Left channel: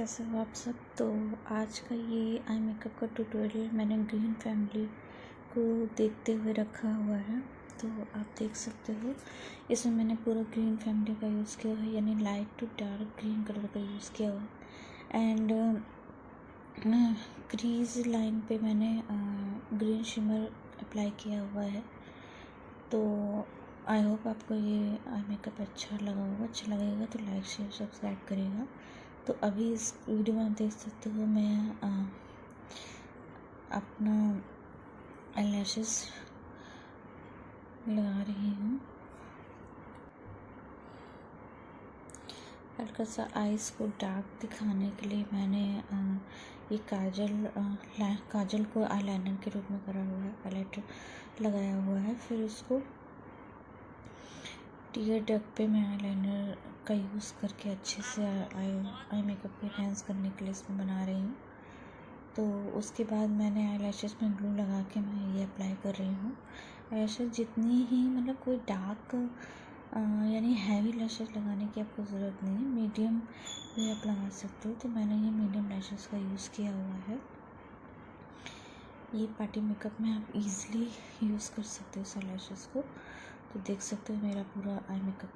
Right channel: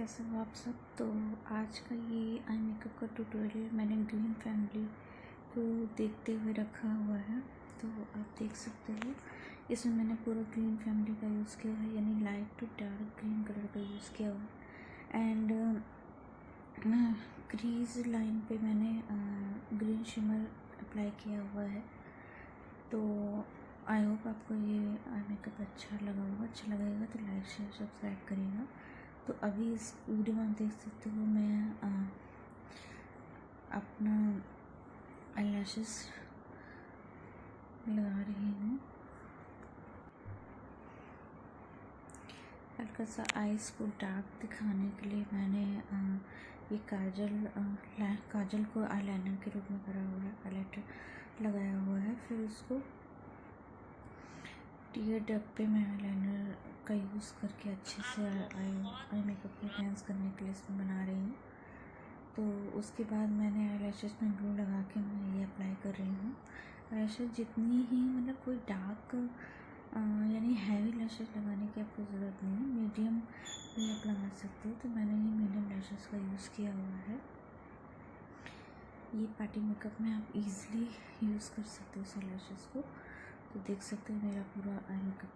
कैसे हो आप सब। तो आज का ये आई मेकअप का ट्यूटोरियल मैंने ग्रीन फैमिली को देखते हुए रखा हुआ है। तो आप देख सकते हो इसमें मैंने पूरा ग्रीन फैमिली का यूज़ किया है, यानी light to dark green colour का यूज़ किया हुआ है। एंड क्रीज लाइन पे मैंने ग्रीन शिमर अप्लाई किया हुआ है। तो आई होप आपको ये आई मेकअप अच्छा लगा होगा। अच्छा लगेगा तो लाइक शेयर सब्सक्राइब करिएगा। तो अभी इस वीडियो में आप देख सकते हो मैं अपना आईलैशेस लगा रही हूँ। हल्का सा आईज़ को डार्क दिखाने के लिए मैंने ये काजल को आईलाइनर के रूप में करा हुआ है, हाईलाइटर लगाया हुआ है। फिर उसको टीयर डक पे मैं आईलाइनर का यूज़ करके अच्छे से आई मेकअप को एनहांस करने के लिए इसमें बना रही हूँ। तो उसके बाद मैंने आईलैशेस में ग्लू लगा के मैं ये अप्लाई कर रही हूँ। आईलैशेस जितनी ही मतलब कोई डार्क यानी हैवी लैशेस लगाने की आपको ज़रूरत नहीं है, मीडियम भी आप लगा सकते हो। तो मैंने ये मीडियम लैशेस का यूज़ किया हुआ है। ये पार्टी मेकअप में आप इजीली यूज़ कर सकते हो इस लैशेस को। तो देख सकते हो मेरा पूरा आई मेकअप